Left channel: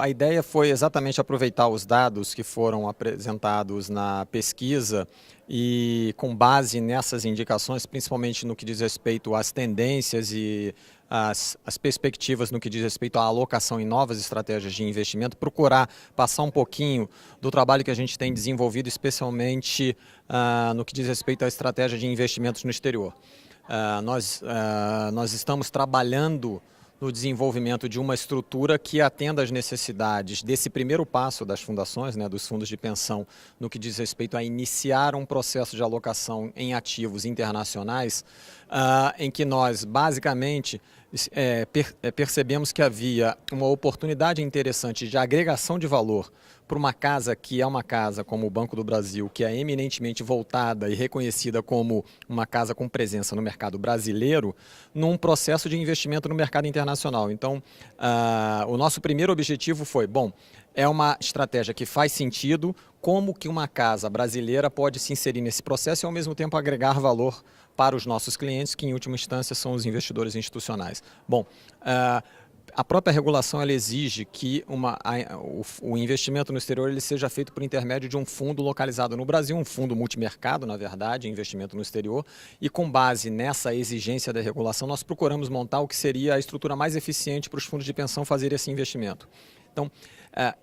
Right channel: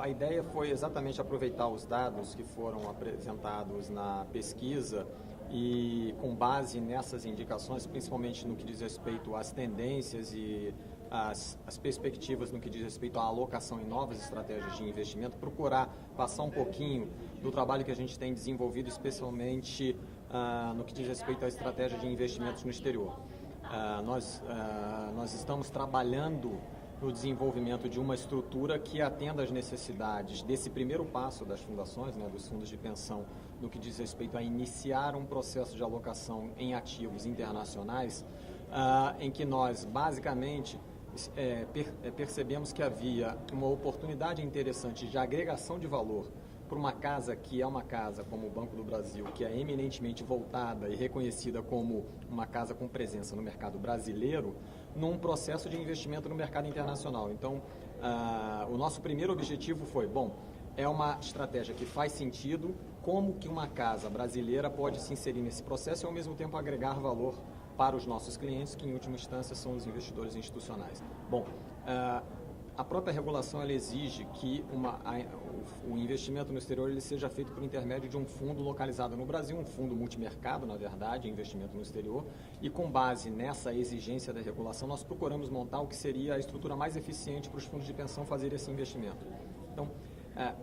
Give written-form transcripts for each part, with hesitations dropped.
A ideia foi exatamente aproveitar os dados que foram apresentados na pesquisa e, com base nessas indicações, principalmente no que diz respeito às tendências e as perspectivas no que diz respeito à alocação em novas estratégias de investimento, procurar passar um pouquinho do trabalho que a gente tem desenvolvido, especialmente no que diz respeito à estratégia de investimentos no exterior. Nós estamos trabalhando no desenvolvimento de uma estrutura que atenda às necessidades desse primeiro passo das fundações, dos fundos de pensão, no que diz respeito a iniciar um processo de alocação em ativos internacionais, em que nós, basicamente, percebemos que havia uma oportunidade interessante de agregação de valor para uma casa que é uma casa como o Banco do Brasil, que é eminentemente voltada e reconhecida como uma casa com presença no mercado brasileiro, num processo de investimento no mercado internacional. Então, o nosso primeiro objetivo foi, é uma estratégia que faz sentido, como que uma casa brasileira pode se inserir nesse processo e, ao mesmo tempo, agregar valor para os nossos clientes, que, em última instância, são os investidores institucionais. A própria regulação ela exige que o investimento no exterior ele seja feito por intermédio de um fundo localizado no Brasil, um fundo multimercado, na verdade, investimento no exterior, e com base nessa exigência da regulação, nós procuramos montar o que seria a estrutura mais eficiente para os fundos de pensão fazer esse investimento. Então,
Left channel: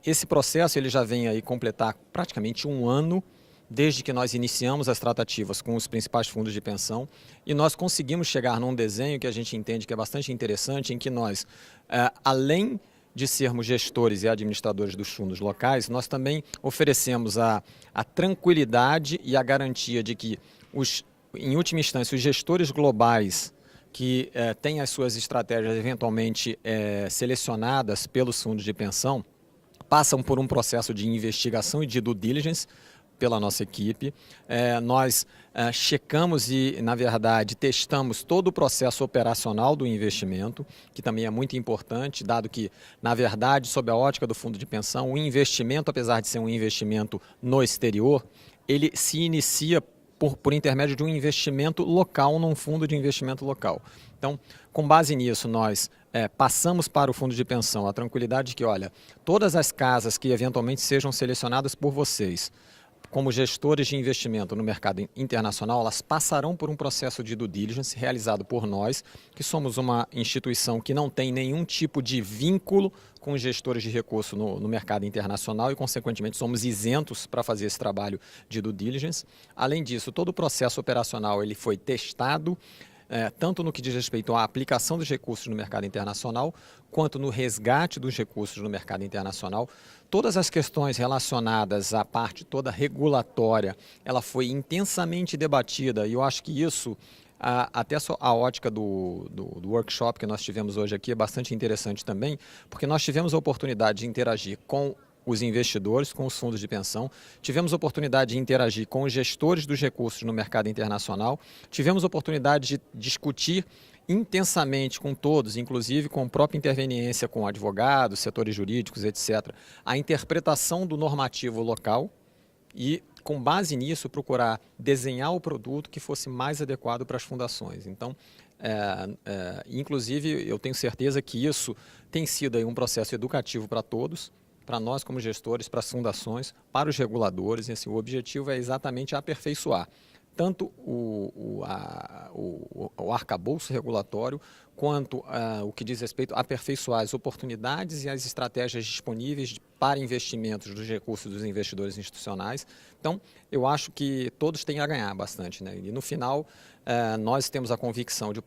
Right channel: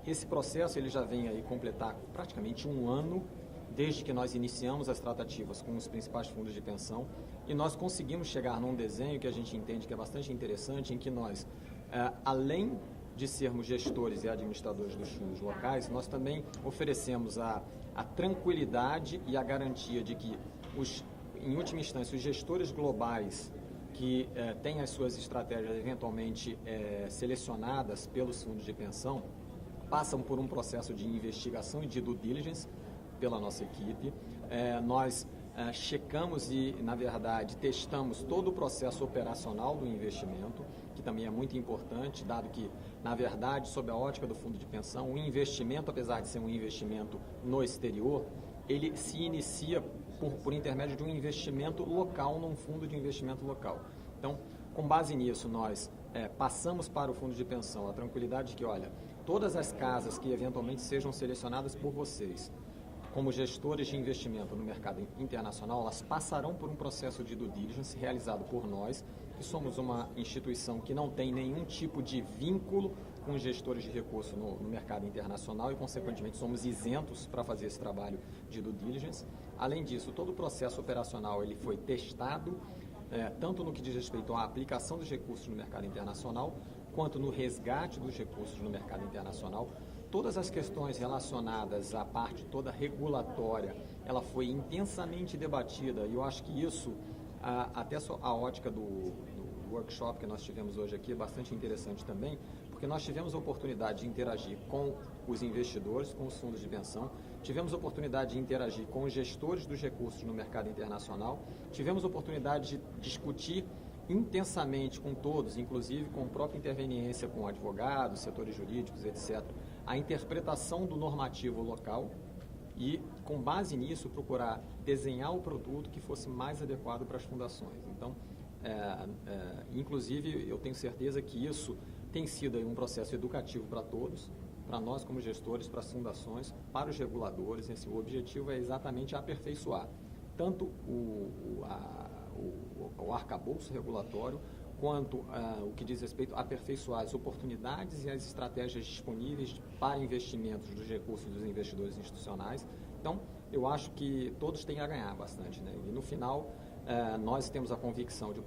esse processo ele já vem aí completar praticamente um ano, desde que nós iniciamos as tratativas com os principais fundos de pensão, e nós conseguimos chegar num desenho que a gente entende que é bastante interessante, em que nós, além de sermos gestores e administradores dos fundos locais, nós também oferecemos a tranquilidade e a garantia de que, em última instância, os gestores globais que têm as suas estratégias eventualmente selecionadas pelos fundos de pensão, passam por um processo de investigação e de due diligence pela nossa equipe. Nós checamos e, na verdade, testamos todo o processo operacional do investimento, que também é muito importante, dado que, na verdade, sob a ótica do fundo de pensão, o investimento, apesar de ser um investimento no exterior, ele se inicia por intermédio de um investimento local num fundo de investimento local. Então, com base nisso, nós passamos para o fundo de pensão a tranquilidade de que, olha, todas as casas que eventualmente sejam selecionadas por vocês como gestores de investimento no mercado internacional, elas passarão por um processo de due diligence realizado por nós, que somos uma instituição que não tem nenhum tipo de vínculo com os gestores de recurso no mercado internacional e, consequentemente, somos isentos para fazer esse trabalho de due diligence. Além disso, todo o processo operacional ele foi testado, tanto no que diz respeito à aplicação dos recursos no mercado internacional, quanto no resgate dos recursos no mercado internacional. Todas as questões relacionadas à parte toda regulatória, ela foi intensamente debatida e eu acho que isso, até a ótica do workshop que nós tivemos hoje aqui é bastante interessante também, porque nós tivemos a oportunidade de interagir com os investidores, com os fundos de pensão, tivemos a oportunidade de interagir com os gestores dos recursos no mercado internacional, tivemos a oportunidade de discutir intensamente com todos, inclusive com a própria interveniência com advogados, setores jurídicos, etc., a interpretação do normativo local e, com base nisso, procurar desenhar o produto que fosse mais adequado para as fundações. Então, inclusive, eu tenho certeza que isso tem sido aí um processo educativo para todos, para nós como gestores, para as fundações, para os reguladores, e assim, o objetivo é exatamente aperfeiçoar tanto o arcabouço regulatório, quanto o que diz respeito a aperfeiçoar as oportunidades e as estratégias disponíveis para investimentos dos recursos dos investidores institucionais. Então, eu acho que todos têm a ganhar bastante, E, no final, nós temos a convicção de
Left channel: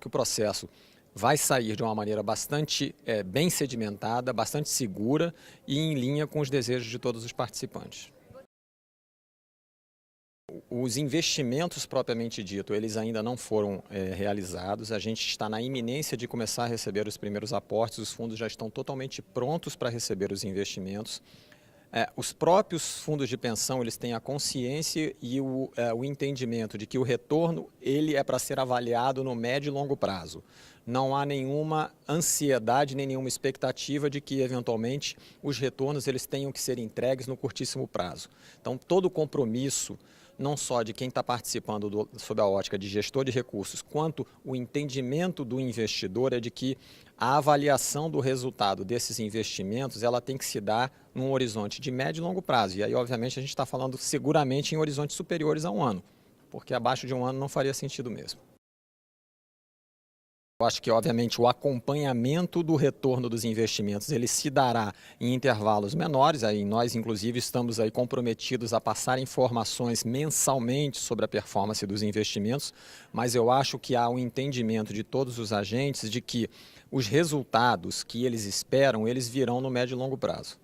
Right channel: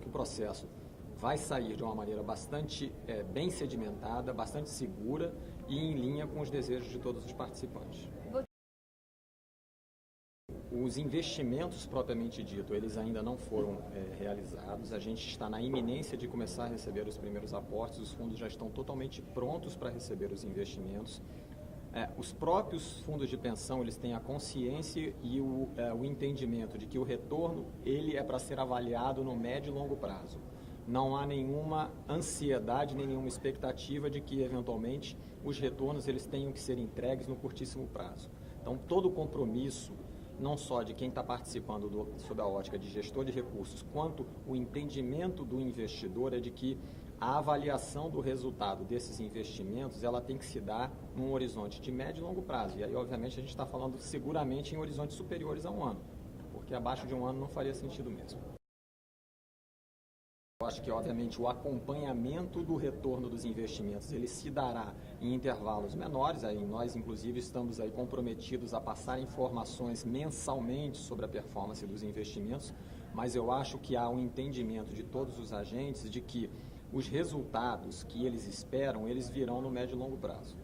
que o processo vai sair de uma maneira bastante bem sedimentada, bastante segura e em linha com os desejos de todos os participantes. Os investimentos propriamente dito, eles ainda não foram realizados, a gente está na iminência de começar a receber os primeiros aportes, os fundos já estão totalmente prontos para receber os investimentos. Os próprios fundos de pensão, eles têm a consciência e o entendimento de que o retorno ele é para ser avaliado no médio e longo prazo. Não há nenhuma ansiedade, nem nenhuma expectativa de que, eventualmente, os retornos eles tenham que ser entregues no curtíssimo prazo. Então, todo o compromisso, não só de quem está participando sob a ótica de gestor de recursos, quanto o entendimento do investidor é de que a avaliação do resultado desses investimentos, ela tem que se dar num horizonte de médio e longo prazo. E aí, obviamente, a gente está falando seguramente em horizontes superiores a um ano, porque abaixo de um ano não faria sentido mesmo. Eu acho que, obviamente, o acompanhamento do retorno dos investimentos ele se dará em intervalos menores. Aí nós, inclusive, estamos aí comprometidos a passar informações mensalmente sobre a performance dos investimentos, mas eu acho que há um entendimento de todos os agentes de que os resultados que eles esperam, eles virão no médio e longo prazo.